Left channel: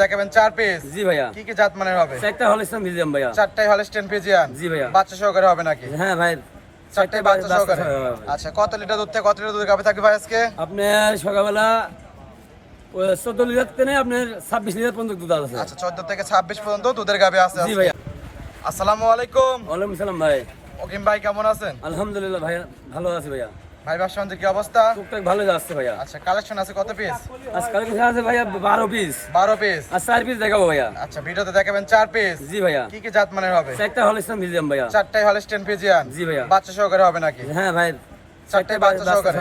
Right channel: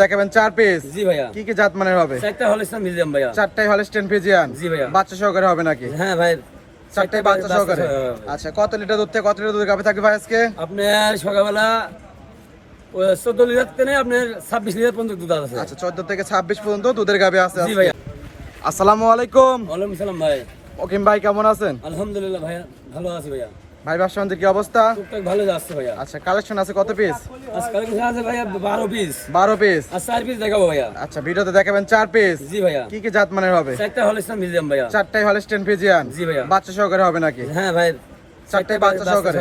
দেখাবেন 4 পিস। জি ভাইয়া। কি কি জাত মানের হবে? চারটা হলস্টাইন ফ্রিজিয়ান ভাইয়া। চারটাই হলস্টাইন ফ্রিজিয়ান। জি ভাইয়া। বাচ্চা সহকারে হবে নাকি? হ্যাঁ ভাই, চারটাই বাচ্চা সহকারে। আচ্ছা, কত লিটার দুধ থেকে কত লিটার দুধ গাবে থাকবে ভাই আজকে? আপনার সকালবেলা 14 লিটার থেকে আপনার 26 লিটার পর্যন্ত দুধ আছে। আচ্ছা, 14 থেকে 26 পর্যন্ত দুধের গাবে আছে জি আজকে। ভাইয়া। আসসালামু আলাইকুম। ওয়ালাইকুম সালাম ভাই। ওকিম ভাই কেমন আছেন? আলহামদুলিল্লাহ ভাইয়া, ভালো আছি ভাইয়া। ভাই বাসার কি অবস্থা? টুকটাক ভালো যাচ্ছে ভাইয়া। আচ্ছা, কালেকশন আছে কত পিস? আজকাল কিছু আছে ভাইয়া 12 পিস। 12 পিস। আর 4 পিস দেখাবো ভাইয়া। আচ্ছা, ভিডিওতে দেখাবেন 4 পিস। জি ভাইয়া। কি কি জাত মানের হবে? চারটা হলস্টাইন ফ্রিজিয়ান ভাইয়া। চারটাই হলস্টাইন ফ্রিজিয়ান। জি ভাইয়া। বাচ্চা সহকারে হবে নাকি? হ্যাঁ ভাই, চারটাই বাচ্চা সহকারে।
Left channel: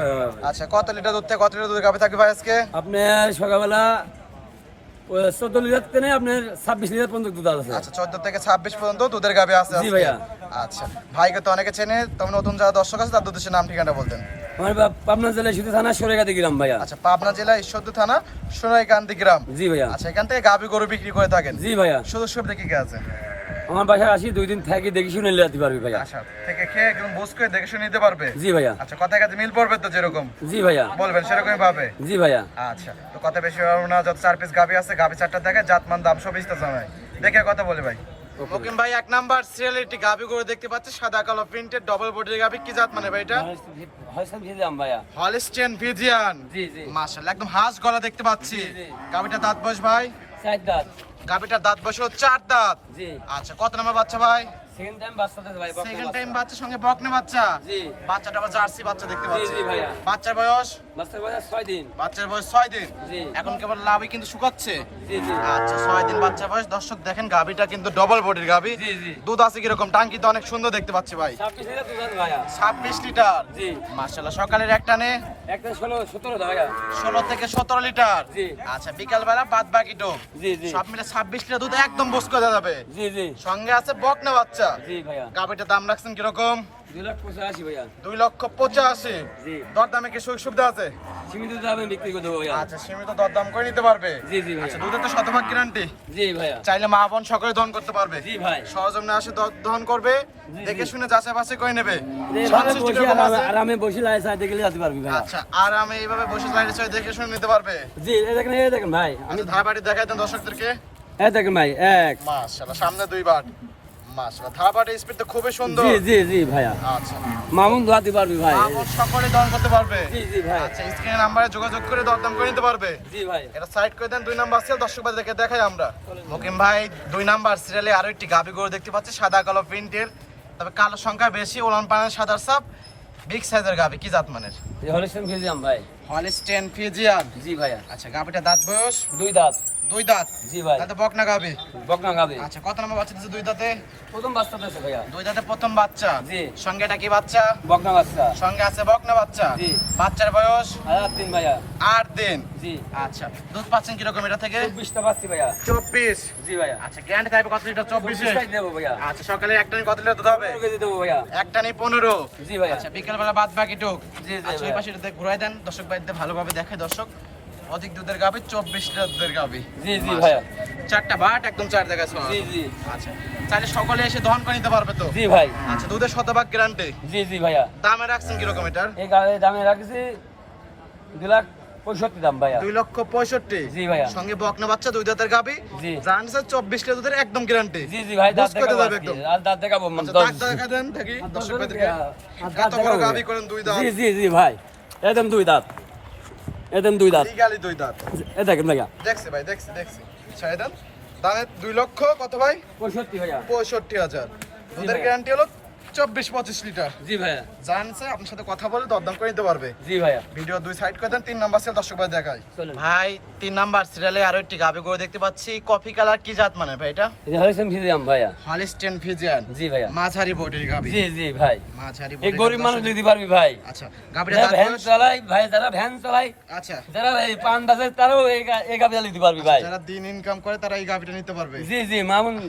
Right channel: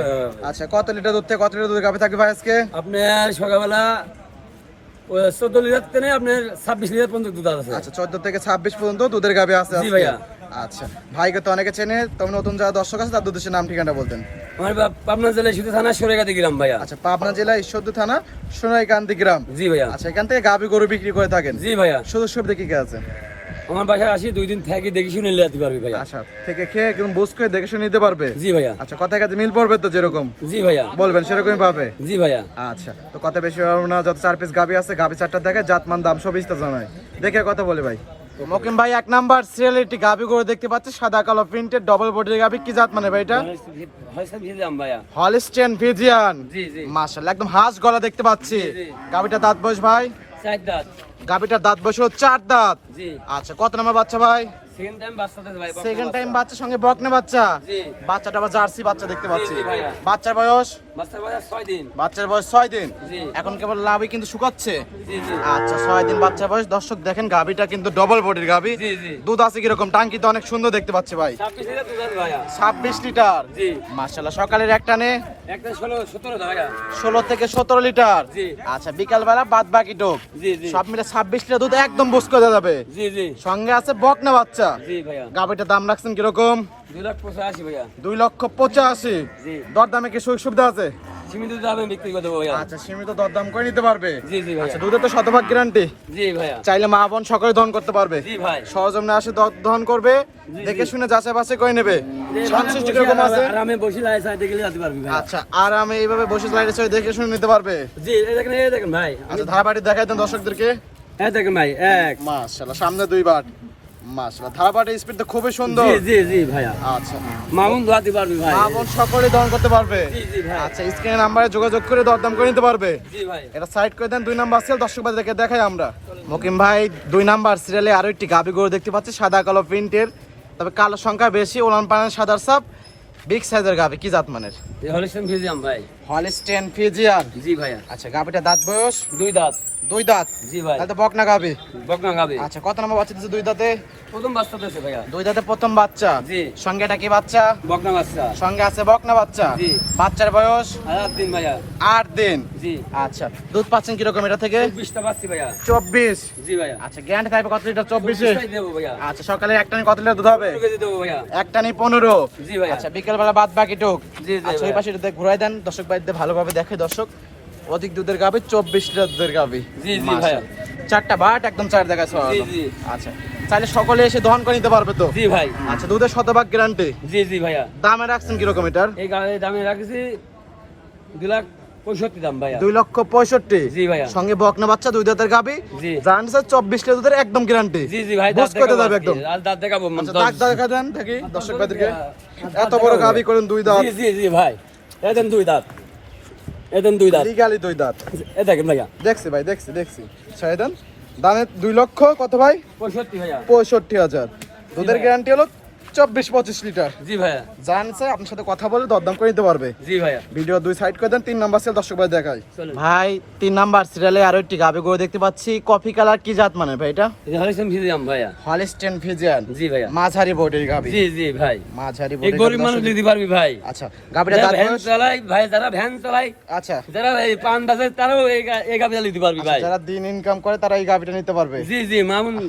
আচ্ছা, কত লিটার দুধ থেকে কত লিটার দুধ গাবে থাকবে ভাই আজকে? আপনার সকালবেলা 14 লিটার থেকে আপনার 26 লিটার পর্যন্ত দুধ আছে। আচ্ছা, 14 থেকে 26 পর্যন্ত দুধের গাবে আছে জি আজকে। ভাইয়া। আচ্ছা, ভাইকে তো অনেকে চেনে, তবে নতুন যারা দর্শক আছে তাদের উদ্দেশ্যে নাম ঠিকানা বলতেন। আমার পাবনা জেলায় শুধু থানা সরেগাতি গ্রাম ভাইয়া। আচ্ছা, পাবনা জেলা ঈশ্বরদী থানা সোনাইকান্দি গ্রাম। জি ভাইয়া। আচ্ছা, এখান থেকে গাবি গরু বিক্রি করে থাকেন। জি ভাইয়া। শুধু সুবিধা কি কি আছে? আমার বাসায় আসি 2 দিন থাকি, দেখি শুনে নিতে পারবি ভাইয়া। আচ্ছা, থেকে খেয়ে একদম বুঝ করে দেখে শুনে নিতে পারবে। জি ভাইয়া। আচ্ছা, কথায় কাছে মিল পড়বে তো, যেরকম জি ভাইয়া। বলবেন সেরকমই পাবে। জি ভাইয়া। আচ্ছা, তো কথা বেশি হবে না, যত 4 পিস গাবি আছে গাবি 4টা দেখে জাতমান দাম সব ইস্তা জানাই দেখে কথা বলে ভাই। মকিম ভাই 1 নাম্বার সিরিয়ালিটি গাবি গরু দেখতে পাচ্ছি, সাদা কালো প্রিন্টেড ডবল বডির গাবি। কি জাত মানে ভাই এটা? হলস্টাইন ফ্রিজিয়ান ভাইয়া। Holstein Friesian. জি জি। মাশাআল্লাহ, একদম হাঁস গলা দেখতে পাচ্ছি। জি। গাবিটা দাঁত বয়স ভাই? 4 দাঁত। গাবিটার দাঁত বয়স হলো 4 দাঁত। জি। আচ্ছা, কত নাম্বার বাচ্চা ভাই? সেকেন্ড টাইম বাচ্চা দেয় ভাই। সেকেন্ড টাইম বাচ্চা, সঙ্গে বকনা বাচ্চা। জি। বাচ্চাটা আবার জার্সি বাচ্চা দেখতে পাচ্ছি। জি ভাইয়া। বাচ্চার বয়স? বাচ্চার বয়স 6 দিন। বাচ্চার বয়স 6 দিন। জি। এখন কেবল লাভই কিন্তু শুকাচ্ছে। জি জি। আচ্ছা, 6 দিন বাচ্চা বয়স। দর্শক দেখেন গাবিটা কিন্তু ডবল বডির গাবি। জি জি। দুধ আছে কিরকম? টাঙ্কি তো অনেক সুন্দর দেখতে পাচ্ছি ভাই। 26 লিটার দুধ আছে ভাইয়া। 26 লিটার। জি। মাশাআল্লাহ, সকালের একটানে একটা 16 17 ভাইয়া। 16 থেকে 17 লিটার। জি। আচ্ছা, বিকাল বেলা বাদ বাকি টোক। জি জি। সব মিলে 26 লিটার দুধ একদম বুঝ করে যাবে। জি জি। সঙ্গে আছে বকনা বাচ্চা। জি ভাইয়া। গাবিটার দাম রাখছেন কিরকম? 2,85,000 ভাইয়া। 2,85,000। জি। দরদামে কি সুযোগ সুবিধা আছে? সীমিত দামে বিক্রি করে দেবো ভাইয়া। আচ্ছা, সীমিত দরদাম করে নিতে পারবে। জি জি ভাইয়া। আচ্ছা, দুধের তো শতভাগ গ্যারান্টি। জি ভাইয়া। চাইলে মা বোন সকলে দহন করতে পারবে। জি ভাই। সহজমে আসে দহন করবে, জি, দেখে জি। শুনে যাচাই বাছাই করে নেবে। সংশ্লিষ্ট কিরকম আছে? আরামে বসে লাই সাইডে গেলে যেতে পারবি ভাই। আচ্ছা, আর আমি এইভাবে বসে লাইটে ছয় দেখে শুনে নিতে পারবে। জি, এই দেখেন ভাই। আচ্ছা, ধারাবাটি দেখাই দেন দর্শকদেরকে। এই দেখেন ভাই, এক। মাশাআল্লাহ, সামনে 2 বার। মাশাআল্লাহ, ধারাবাটির স্পিড তো খুবই সুন্দর। জি জি জি ভাইয়া। আচ্ছা, মামুন ধোয়াতে পারবি ভাই। মা বোন সকলে দহন করতে পারবে। জি জি ভাই। আচ্ছা, স্ক্রিনে নাম্বারে যোগাযোগ করে দরদাম করে নিতে পারবে। জি ভাই। এটা সাইড করে দেন। 2 নাম্বার সিরিয়াল দর্শক ভাই দেখে দেখাই আমরা। মকিম ভাই 2 নাম্বার সিরিয়ালে আরো একটি গাবি গরু দেখতে পাচ্ছি, সাদা কালো প্রিন্টের, তবে কালো সংখ্যা বেশি, ওলান পানের সাদার সাপ, বিগ সাইজের গাবি। কি জাত মানের? এই হলস্টাইন ফ্রিজিয়ান ভাই। Holstein Friesian. জি ভাইয়া। আচ্ছা, গাবিটা দাঁত বয়স? 2 দাঁত। 2 দাঁত। জি ভাই। তাহলে বকনা গাবি। বকনা গাবে। আচ্ছা, কত নাম্বার বাচ্চা দিচ্ছে 2 দাঁতে? প্রথম বাচ্চা দিয়েছে ভাইয়া। 2 দাঁতে প্রথম বাচ্চা। জি। সঙ্গে এটা কি বাচ্চা? বকনা বাচ্চা। সঙ্গে আছে বকনা বাচ্চা। জি। বাচ্চার বয়স? 8 দিন ভাইয়া। 8 দিন। জি। আচ্ছা, দুধ পাচ্ছেন কিরকম এটা থেকে? 20টা বাচ্চা ভাইয়া। 24। জি ভাইয়া। আচ্ছা, গ্যারান্টি থাকবে কত লিটার? 24 এ। 24টাই দেবো ভাইয়া। আচ্ছা, সকালে একটানি কত লিটার দুধ হবে? 2 কেজি দেবো ভাইয়া। একটানি 15। জি ভাইয়া। আচ্ছা, বিকেল বেলা বাদ বাকি টুক। জি জি আচ্ছা, ওই ভাইয়া। পাশে এটা ঘুরাই দেন দর্শক ভাইদের ভালোভাবে দেখে। দর্শক, অধিক দুধের গাবি, 24 লিটার দুধের গাবি। জি জি ভাইয়া। 4টা বাট একদম 4 দেখাচ্ছে। জি জি। আচ্ছা, চাইলে সকলে এসে দহন করে নিতে পারবে তো? জি ভাই। আচ্ছা, দুধের শতভাগ গ্যারান্টি। জি জি ভাইয়া। দামে রাখছেন কিরকম এটার? এই গাড়ির দামে রাখছি 2,65,000 দাম ভাইয়া। 2,65,000। জি ভাইয়া। সঙ্গে বকনা বাচ্চা, 2 দাঁতের গাবি। জি। জানছে 24 লিটার দুধের একদম গ্যারান্টি। জি জি ভাই, দাঁত বুঝ করে দেখাবো যাবে আজকে। একদম। আর দাঁত দেখাবো। আচ্ছা, দাগ দেখা দেন থাকি দর্শক ভাইদেরকে। দাঁত এত বড় দেখাবো। গাবি করেন 2 দাঁত। জি জি জি ভাই, একদম 2 দাঁত। একদম 2 দাঁত। লিগালি 2 দাঁত। এই দেখেন ভাইয়া। দেখছি ভাই, দেখছি। ছেড়ে দেন। দামে 2 লক্ষ কত ভাই? 65 ভাইয়া। 65,000। দুধের ভাইয়া। গ্যারান্টি হলো 24-25 লিটার। জি ভাইয়া। জানছে আপনার সাথে কথা বলে দরদাম করে নিতে পারবে। জি ভাইয়া। ভিডিও 2 সাইড করে দেন। 3 নাম্বার সিরিয়াল দর্শক ভাই দেখাই। চলুন। ভাই 3 নাম্বার সিরিয়ালে আরো একটি গাবি গরু দেখতে পাচ্ছি, কফি কালার। কি জাত মানে ভাই এটা? এই হলস্টাইন ফ্রিজিয়ান ভাইয়া। Holstein Friesian. জি ভাইয়া। মাঝারি বডির গাবি। জি জি ভাই। মাঝারি এই বডির গরিব মানুষ দিতে পারবি ভাই। আচ্ছা, গাবিটা দাঁত ভ্যান বয়স? চালাই ভাই, যারা ভ্যান চালাই, আচ্ছা, যারা এই পান দাসে, তারাও এই গাবিটা দিতে পারবি ভাই। যারা দিন ইনকাম করে তারা এই গাবিটা নিতে পারবে। জি জি মামুন।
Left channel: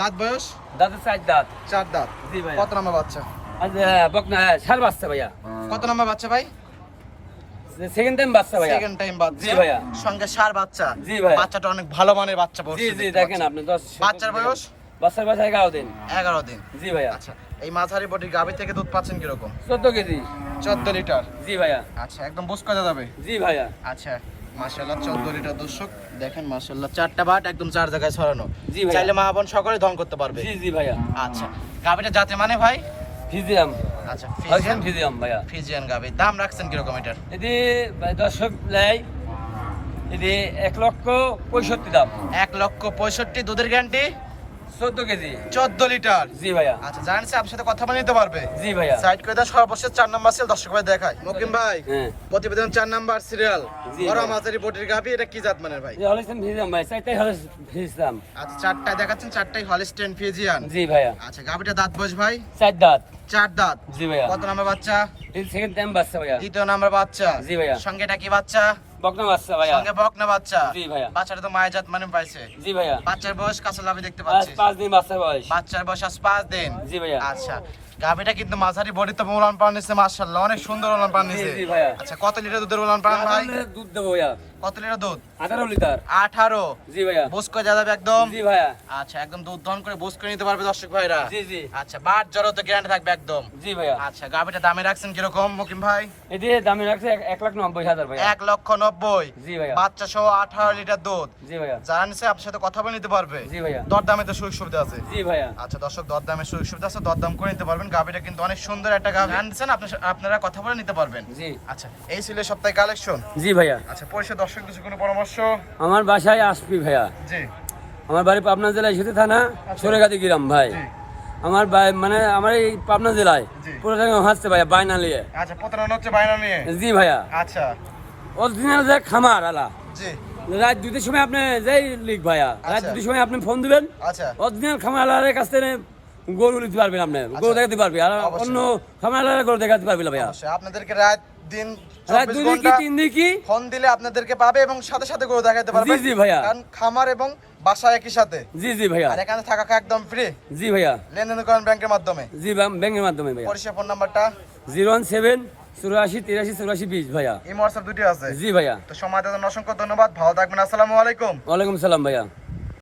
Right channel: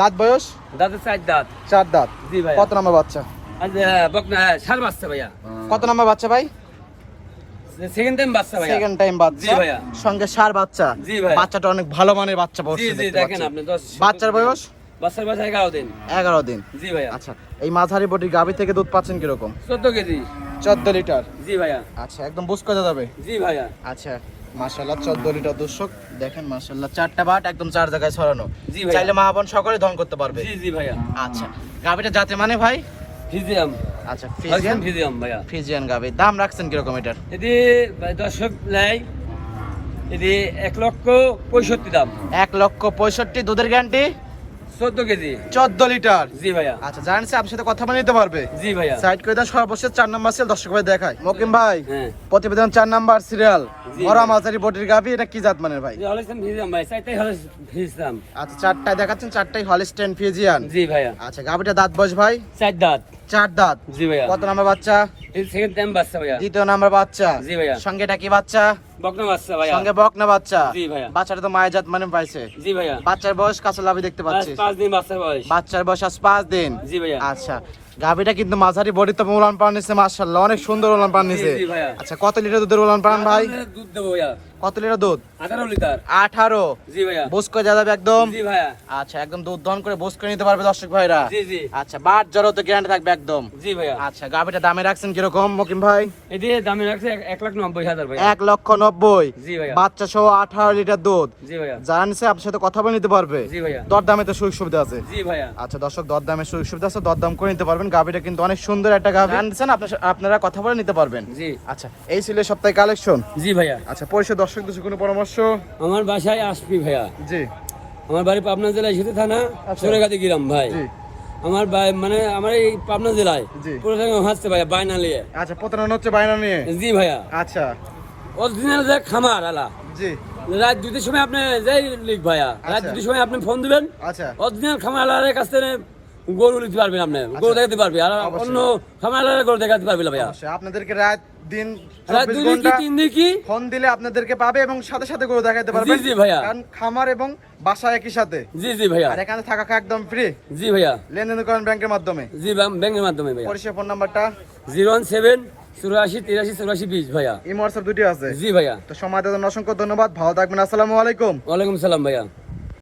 দাঁত বয়স? দাঁতের 4 দাঁত। 4 দাঁত। জি ভাই। কত নাম্বার বাচ্চা? আচ্ছা, বকনা 4 বাচ্চা ভাইয়া। কত নাম্বার বাচ্চা ভাই? সেকেন্ড টাইম বাচ্চা ভাইয়া। সেকেন্ড টাইম বাচ্চা। জি ভাইয়া। সঙ্গে 4 বাচ্চা। জি ভাইয়া। বাচ্চাটা অনেক ভালো মানের বাচ্চা জি বসছে জি, দেখতে দেখেন পাচ্ছি। আপনি 10 বাচ্চার বয়স? বাচ্চার বয়স 11 দিন। 11 দিন। জি ভাইয়া। আচ্ছা, এই মাঝারি বডির গাবি থেকে দুধ পাচ্ছেন কিরকম? 14 কেজি। 14 লিটার। জি ভাইয়া। আচ্ছা, একদম বুঝ করে যাবে। জি ভাইয়া। আচ্ছা, মাশাআল্লাহ 14 লিটার দর্শক দেখেন মাশাআল্লাহ চারটা বাট একদম চার জায়গায় ছড়ানো। জি ভাই। চাইলে মা বোন সকলে দহন করতে পারবে। জি জি ভাইয়া। আচ্ছা গাবিটা জাতে মানে ভাই ফিজিয়াম। আচ্ছা ফিজিয়াম ফিজিয়াম ভাইয়া। ফিজিয়ান গাবি দাম রাখছেন কিরকম এটার? এটি ভাই দর্শক লাই এটি 1,65,000 দাম। 1,65,000 দুধের গ্যারান্টি 14 কেজি। 14 লিটার। জি ভাইয়া। আচ্ছা জানেন আপনার সাথে কথা বলে নিতে পারবে। জি ভাইয়া। সাইড করে দাও সর্বশেষ 4 নাম্বার সিরিয়াল দর্শক ভাই দেখায়। মকিম ভাই হ্যাঁ। প্রতিবেদন 4 নাম্বার সিরিয়াল জি বড় ভাই। মাঝারি বডির গাবি এটা কি জাত মানের ভাই? এই হলস্টেইন ফিজিয়াম ভাই, চারটাই ফিজিয়াম। আচ্ছা চারটায় দেখাচ্ছেন, চারটাই হলস্টেইন ফিজিয়ান। জি ভাইয়া। আচ্ছা গাবিটা দাঁত বয়স ভাই? 4 দাঁত। 4 দাঁত। জি ভাইয়া। কত নাম্বার বাচ্চা? এই সেকেন্ড টাইম বাচ্চা ভাইয়া। দ্বিতীয় নাম্বার বাচ্চা। জি ভাইয়া। সঙ্গে এটা কি বাচ্চা? বকনা বাচ্চা ভাইয়া। সঙ্গে বকনা বাচ্চা। জি ভাইয়া। বাচ্চাটা তো মায়ের জাত মানে পাইছে। জি ভাইয়া। বাচ্চার বয়স কাছে লাভি দেখতে পাচ্ছি। 5 দিন বাচ্চা বয়স। বাচ্চার বয়স আজ 5 দিন। জি ভাইয়া। আচ্ছা গাবিটা কিন্তু মাঝারি বডি তো উলান পান নিছে মাশাআল্লাহ, অনেক সুন্দর উলান পান নিছে। জি ভাইয়া। আচ্ছা কত লিটার দুধের উলান পান ভাই? দুধ দেবো ভাইয়া। কত লিটার দুধ? 18 লিটার। 18। জি ভাইয়া। বুঝ করে যাবে একদম। জি ভাইয়া। আচ্ছা একদম দুধ দহন করে বুঝ করে নিতে পারবে দর্শক ভাইরা। জি জি। আচ্ছা বাট জড়ো তো গ্যারান্টি থাকবে একদম। জি ভাইয়া। আচ্ছা গাবিটা দামে রাখছেন কিরকম মকিম ভাই? এটি দামে রাখছে 1,90,000 ভাইয়া। 1,90,000। জি ভাইয়া। বাচ্চা সহ 18 লিটার দুধ। জি ভাইয়া। যারা নিছে আপনার সাথে কথা বলে নিতে পারবে। জি ভাইয়া। দর দামে তো সুযোগ সুবিধা আছে। জি ভাইয়া। আচ্ছা দর্শক দর দামে সুযোগ সুবিধা আছে, দর দাম করে নিতে পারবেন। গাবিটা কিন্তু অনেক সুন্দর একটা গাবি আনছেন, আপনারা কথা বলে নিতে পারবেন। জি। আচ্ছা এই ছিল সপ্তাহে কালেকশন। জি ভাইয়া। আচ্ছা পয়সা দর্শকদের কোনো পরামর্শ? আমার বাসায় আসবি ভাইয়া। জি আমার বাড়ি পাবনা জেলায় সেতু থানা সরেগাতি গ্রাম ভাই। জি। আমার মানে আমার এই পাবনা জেলায় জি। পুরো জায়গায় হাসছে ভাইয়া বায়না নিয়ে। আচ্ছা প্রতারণা হচ্ছে বায়না নিয়ে। জি ভাইয়া। আচ্ছা অরিজিনাল যে খামার আলা জি। রাত 2টার সময় আপনি যেই লিখ ভাইয়া রাত 2টার সময় আপনি ফোন দিবেন। আচ্ছা অরিজিনাল খামার আলার কাছ থেকে গরু নিতে পারবেন, আপনি গরু দেখাতে পারবে। আর অবশ্যই। অন্য খামার আলার গরু দেখাতে পারবে না ভাইয়া। অবশ্যই আপনাদেরকে রাত দিন রাত 24 2 দিন কি ঘন্টা 3 দিন কি। ফোন দিলে আপনাদেরকে পাবে এবং সাথে সাথে করে দেখাতে পারবে। জি জি ভাইয়া। কারণ খামার এবং বাসা একই সাথে। জি জি ভাইয়া। আর এখানে থাকা খাওয়া একদম ফ্রি। জি ভাইয়া। লেনদেন করেন ব্যাংকের মাধ্যমে। জি ব্যাংকের মাধ্যমে ভাইয়া। পরিষেবা ফোন নাম্বারটা 017 84 83 84 20 ভাইয়া। এই হোয়াটসঅ্যাপ দুটি আছে। জি ভাইয়া। তো সময় দেওয়ার জন্য অসংখ্য ধন্যবাদ, ভালো থাকবেন, আসসালামু আলাইকুম। ওয়ালাইকুম সালাম ভাইয়া।